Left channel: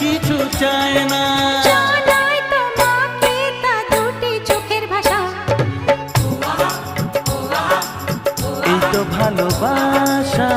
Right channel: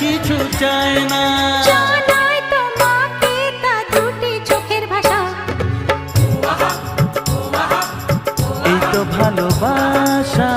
কিছু চায় না। জানাই তোমাকে তা দুটি চোখের ভাষা। এই তো ভালোবাসা।